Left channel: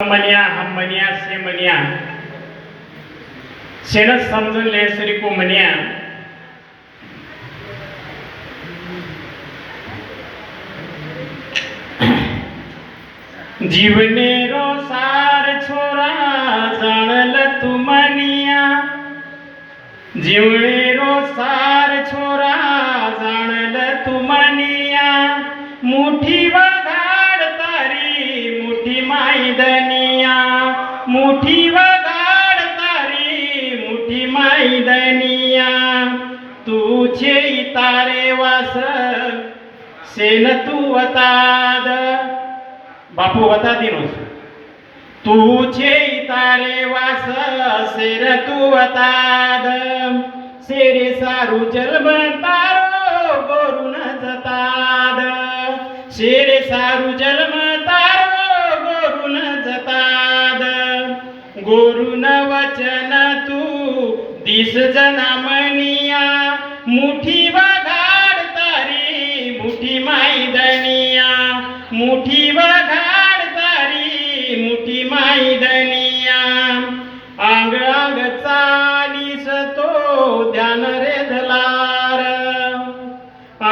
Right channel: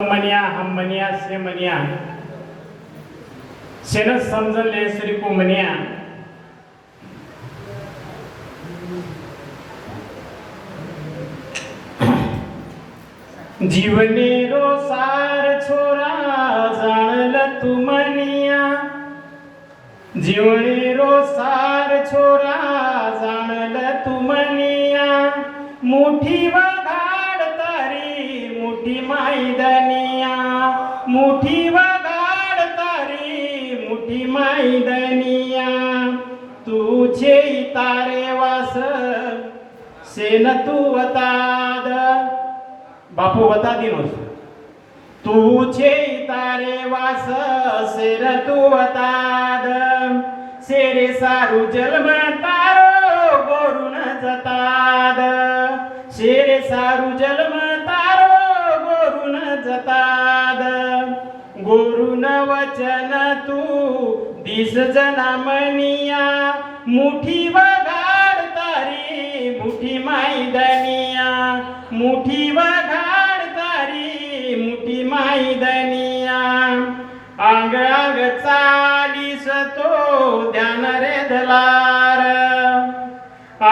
मनिया हम मनिया से मनिया शेणच समजून लेसरी को मनिया जीवने रो सार छोरा जाणल तू मनिया जीवने रो सार छोरा जाणल तू मनिया मुठी मुठी वगाड तारी मुठी मैदनिया. छे तारे वास सेन तू वताद. बापू वता दिनोस छे तारे वास सेन तू वताद. सेरे सारू जन्म तारो गोरून जताद. शेरे सारू जन्म गुरुन वचन तू दिस जनामनिया मुठी वघाड तारी मुठी मैदनिया. मुठी वघाड तारी मुठी मैदनिया. अंग अंग चालीस तो ध्यान रे धलार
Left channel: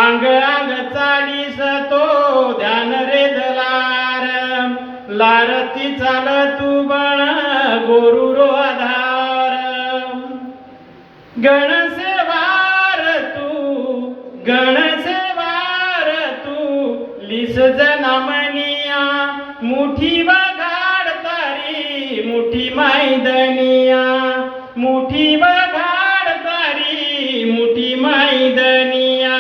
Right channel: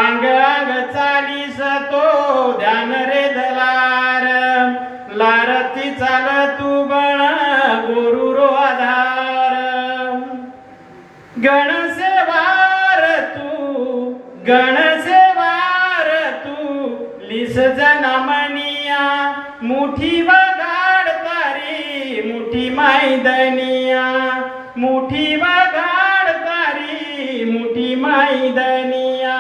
अंग अंग चालीस तो ध्यान रे धलार लारती चाल तू गणसेवार तू गणसेवार तू लिस जनामनिया मुठी बघाड तारी मुठी मैदनिया मुठी बघाड तारी मुठी मैदनिया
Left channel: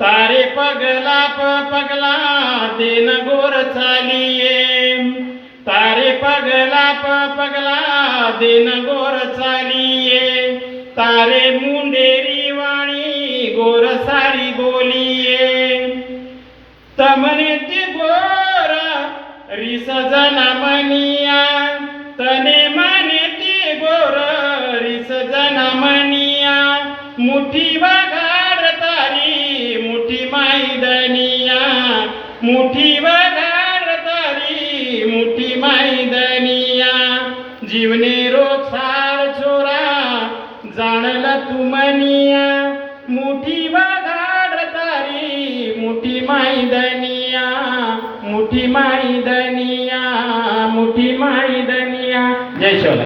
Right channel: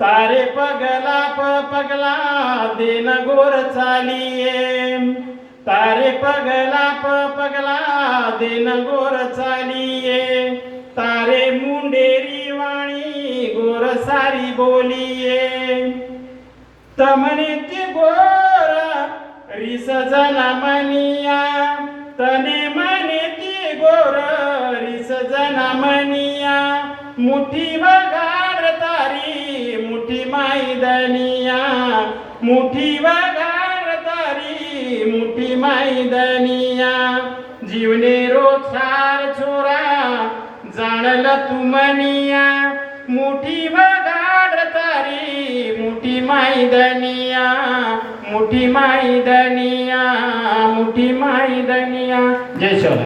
तारे पगला प पगला देन गोर चालिये. तारे पगला प पगला देन गोर मुंडेरी वाणी गोर सारी बोलिये. तमने ते गोर रिस जना मनिया. तने मने ते गोर रिस जना मनिया. मुठी बगाड तारी मुठी माईदनिया मुठी बगाड तारी मुठी माईदनिया जीवने रोछार छोरा जाणल तुमनिया मोठी तारी मोठी मैदनिया. मोठी मैदनिया मोठी मैदनिया.